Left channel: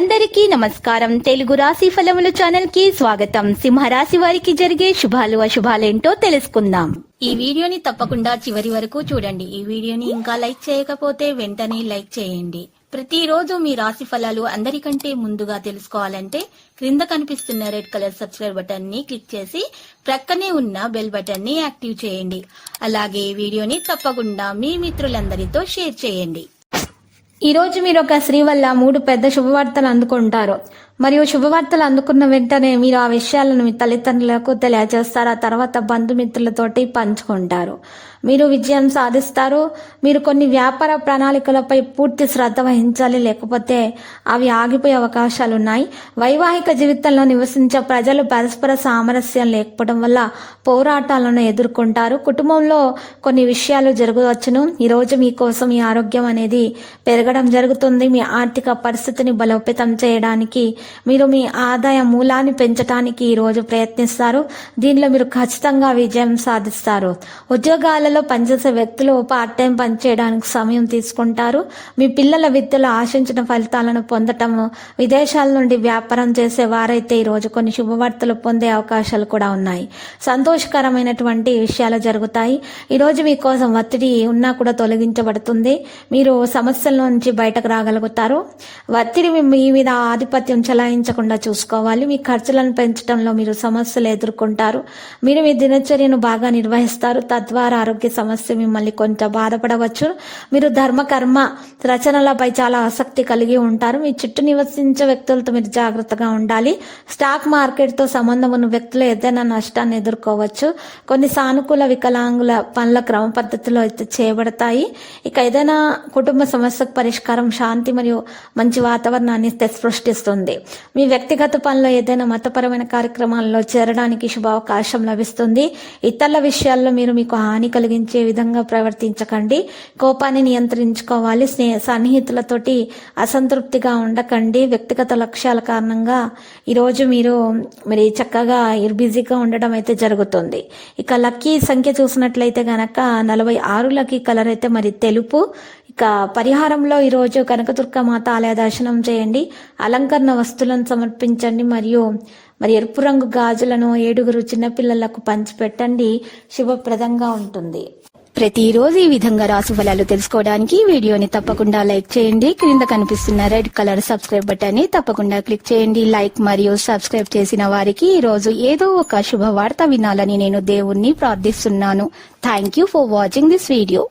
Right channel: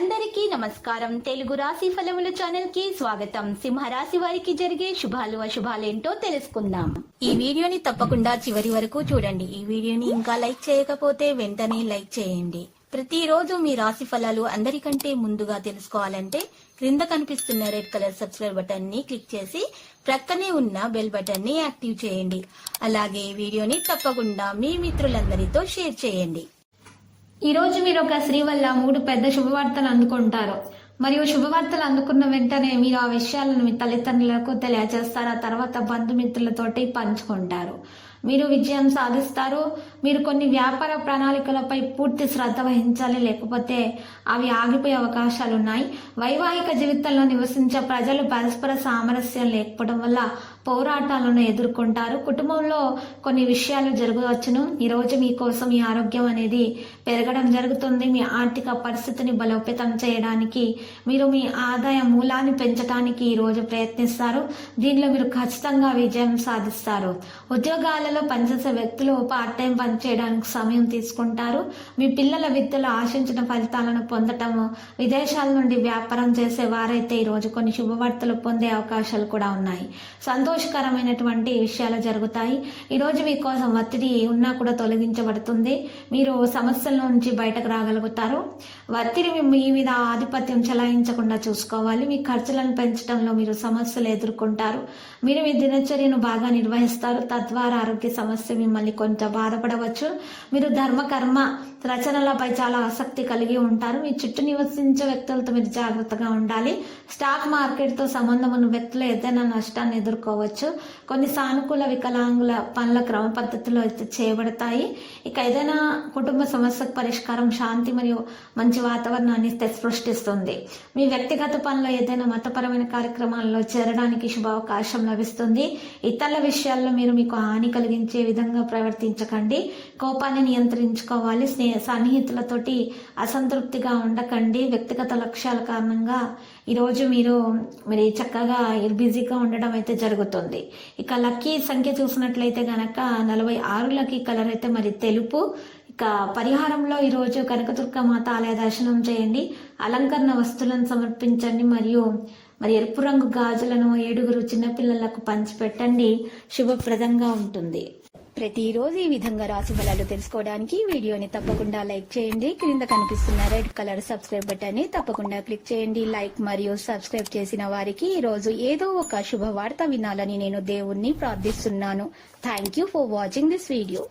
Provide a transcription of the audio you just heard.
అందరికీ నమస్కారం. తెలుగు రాశి ఫలముల ఛానల్ కి స్వాగతం. సింహరాశి వారికి జరిగే శుభాలు అశుభాలేంటో తెలుసుకుందాం. ఈ వీడియోని తప్పకుండా చివరి వరకు చూడండి. ఈ వీడియోని ఇంకా లైక్ చేయకపోతే వెంటనే లైక్ చేయండి. ప్రతిరోజు మీ రాశి ఫలాలు అందరికంటే ముందుగా తెలుసుకోవాలంటే క్రింద కనిపిస్తున్న రెడ్ కలర్ సబ్స్క్రైబ్ బటన్ ని క్లిక్ చేసి ప్రక్కనే ఉన్న బెల్ బటన్ ని యాక్టివ్ చేయండి. అలాగే ఈ వీడియోని తప్పకుండా మీ మిత్రులందరితో షేర్ చేయండి. ఈ రోజు మీరు ఒక స్త్రీ వల్ల 3 పెద్ద శుభవార్తలు అందుకుంటారు. మరియు శుభవార్తలు అందుకున్న వెంటనే మీరు ఆ విషయాలను మీ తల్లిదండ్రులకు తెలియజేస్తారు. ఆ తర్వాత బంధుమిత్రులతోటి పంచుకుంటారు. మీరు విజయం సాధిస్తారు. మీరు కొన్ని వ్యాపార ప్రణాళికలపై పూర్తి శ్రద్ధ వహించాలి, లేకపోతే అవి ఆగిపోయే అవకాశాలు ఉన్నాయి. వైవాహిక జీవితంలో నివసించే ప్రజలు పరస్పర సామరస్యం లేకపోవడం వల్ల పోరాటాలను ఎదుర్కొంటారు. కుటుంబంలో కొన్ని విషయాలు జరగవచ్చును. ఈరోజు మీకోసం మీ ఆరోగ్యం అనేది పెరగడం జరుగుతుంది. మీ ఆర్థిక పరిస్థితిని బలోపేతం చేయడానికి మీరు మీ ఆదాయ మూలాన్ని పెంచడానికి ఈరోజు ప్రయత్నిస్తారు. దీనిలో మీరు ఖచ్చితంగా విజయం సాధిస్తారు. ఉద్యోగాలలో పనిచేసే వ్యక్తులు పార్ట్ టైం పనిచేయడానికి సమయం తీసుకుంటారు. మీ పిల్లల విద్యలో ఆశించిన ఫలితాలను పొందటం, విదేశాల నుండి వ్యాపారం చేసే వారైతే ఈరోజు కొన్ని శుభవార్తలు పొందే అవకాశాలు కూడా ఉన్నాయి. సంతోషకరమైనటువంటి విషయాలు జరుగుతాయి. ఈరోజు మీకోసం ఒత్తిడి ఉన్నా కూడా తొలగించబడుతుంది. మీరు సమస్యల నుంచి బయటకు రాగలుగుతారు. ఒత్తిడి మీ మీద ఆధిపత్యం చెలాయించకుండా చూసుకోవాలి. మీ ఖర్చులను పెంచడంలో మీరు సమస్యలు ఎదుర్కొంటారు. మీరు మీ దినచర్యను బాగా నిర్వహిస్తారు. తద్వారా ఆరోగ్య సమస్య మిమ్మల్ని కొంత బాధపడవచ్చు. మీరు ధర్మకర్మ రచనలపై చాలా ఆసక్తి కలిగి ఉంటారు. మీ చుట్టూ నివసించే వ్యక్తులతో మీరు జాగ్రత్తగా ఉండాలి. స్టాక్ మార్కెట్తో సంబంధం ఉన్న వ్యక్తులు ఏదైనా నష్టాన్ని ఎదుర్కోవచ్చు. కొన్ని సానుకూల వికలాంగుల పనుల క్రమ పద్ధతిలో అయితే చేయబడతాయి. ఇక ఏదైనా కుటుంబ సమస్యకు పరిష్కారం శాంతి మరియు మంచి వాతావరణాన్ని సృష్టిస్తుంది. మీ వ్యక్తిగత పనుల్లో ఏదైనా మతపరమైన కార్యక్రమాల్లో చేరడానికి శుభావకాశం లభిస్తుంది. ఇతరుల విషయాల్లో మీరు మీకు హాని కలిగించే విధంగా ప్రవర్తించకండి. కోపాన్ని నియంత్రించుకోవాలి. సన్నిహితులతోటి అసంతృప్తిగా ఉండకండి. వ్యక్తిగత లక్ష్యాల కారణంగా ఈరోజు మీరు చక్కగా బిజీగా ఉండడం అయితే జరుగుతుంది. ఇక లక్కీ సంఖ్య చూసినట్లయితే గనక 46 లక్కీ కలర్ అయితే తెలుపు. ఇక పరిహారంలో ఈరోజు కనకదుర్గ మాత ఆలయ దర్శనం చేయండి. అలంకరణ వస్తువులను సమర్పించండి. మరియు ఎరుపు రంగు గాజులను 7 చిన్నపిల్లలకు పంచిపెట్టండి. శుభప్రదంగా ఉంటుంది. ప్రతిరోజు ఈ విధంగా రాశి ఫలాలు తెలుసుకోవడానికి వీడియోని తప్పకుండా లైక్ చేయండి. క్రింద కనిపిస్తున్న రెడ్ కలర్ సబ్స్క్రైబ్ బటన్ ని తప్పకుండా క్లిక్ చేయండి. లైక్ మరియు సబ్స్క్రైబ్ చేసిన వారికి ఈ రోజు ఏదో ఒక శుభవార్త వినాలని నేను దేవుణ్ణి ప్రార్థిస్తున్నాను. Thank you for watching this video.